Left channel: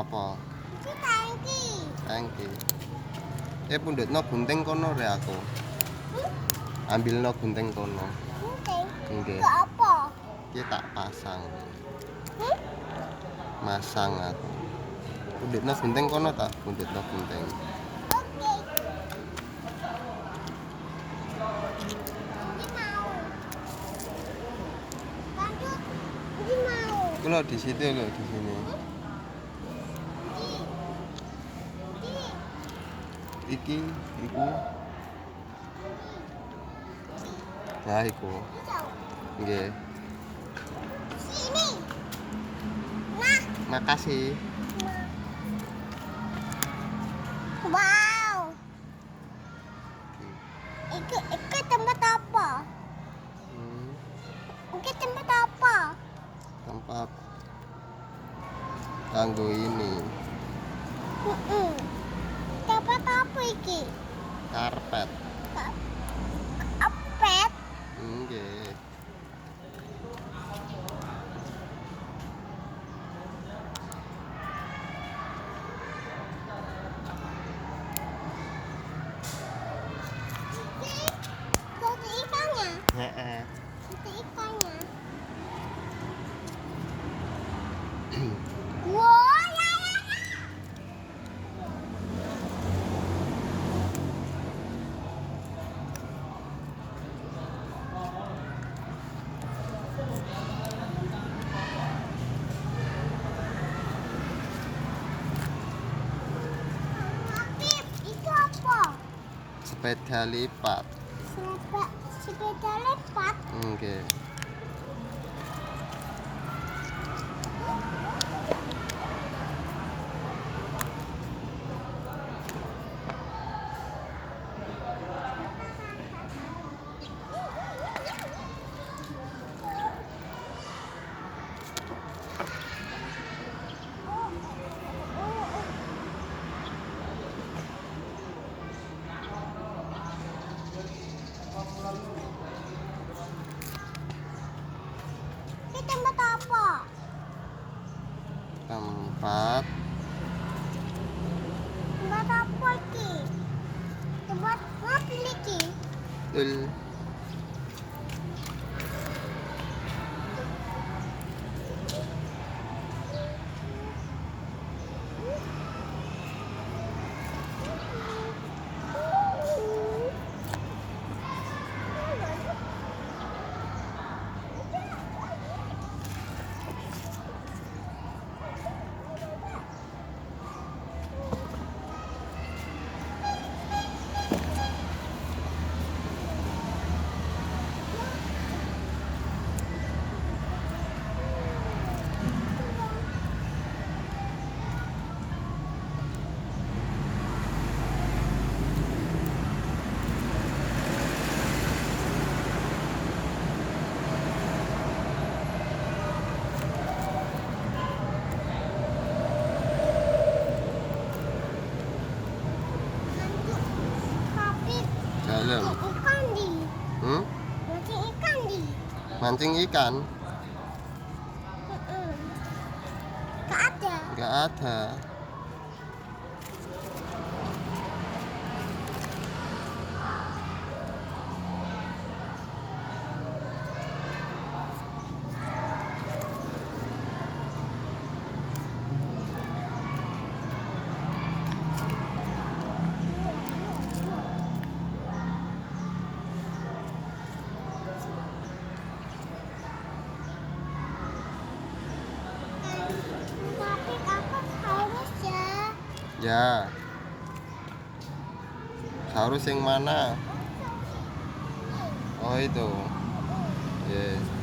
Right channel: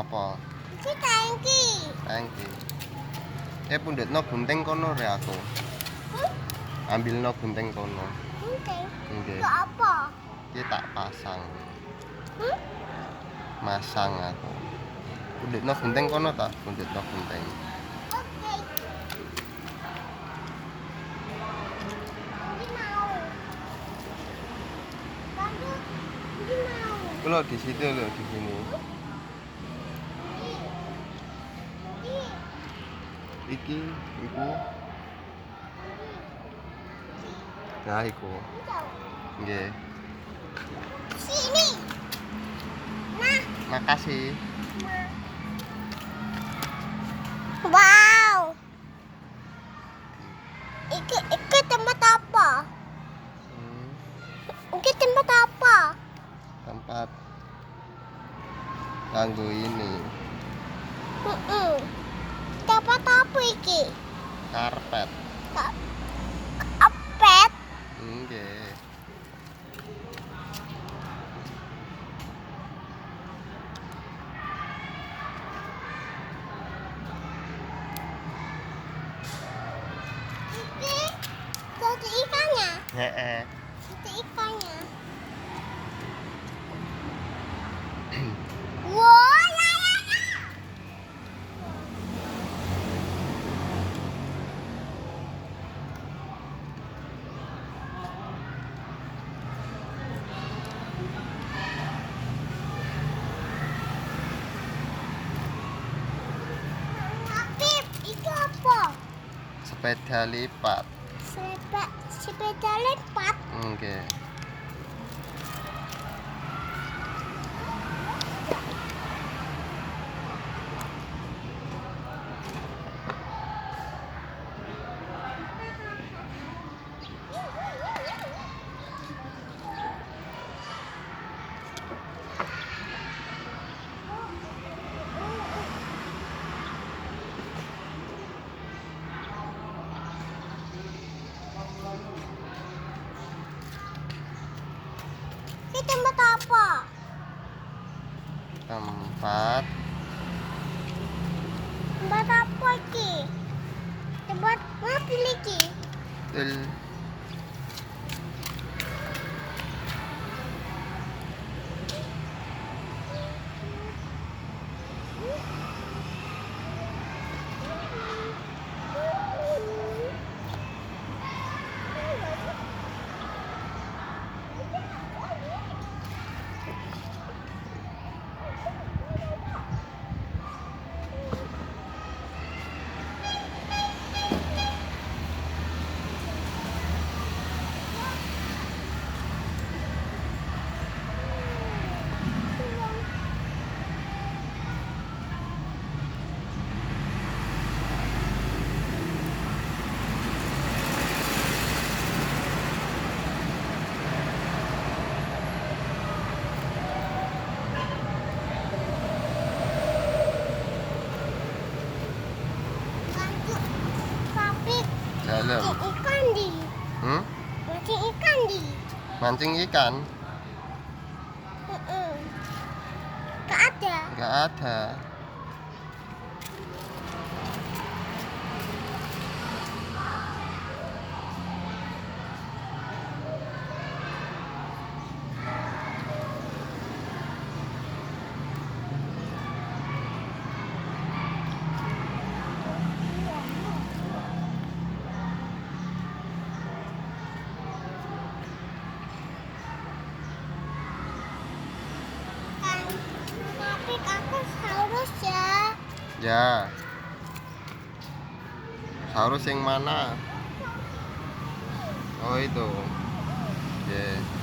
Apa? Iki tangki. Tangki. Pundhutno gunting kono re aku. Ambilno gunting kono. Gunting. Nggih. Ke apa? Iki tak pasang. Masang aku. Pundhutno gunting kono tak? Pundhutno gunting. Oke. Ini mau. Bagus. Ini mau. Itu loh di situ loh, di sini. Iki, iku. Nah, iku. Nggih. Sini. Nah. Makasih. Wow. Iki tempat apa? Iki tempat apa? Tempat kanggo ini. Tempat apa iki? Karpet. Apet. Nggih. Itu ikannya. Heeh. Itu ikannya. Wah, ya. Pip, itu apa? Sepeda lipat. Sepeda lipat. Nggih. Ini tempat apa? Tempat Tempat apa iki? Tempat mobil iki. tul. Tapi Dalam. ikan di. Mancing ikan di. Mancing ikan? Gak ada. Nggak ada. Tapi kakak saurus ya. Ya. Saurus yang mana? Oh itu. Yes.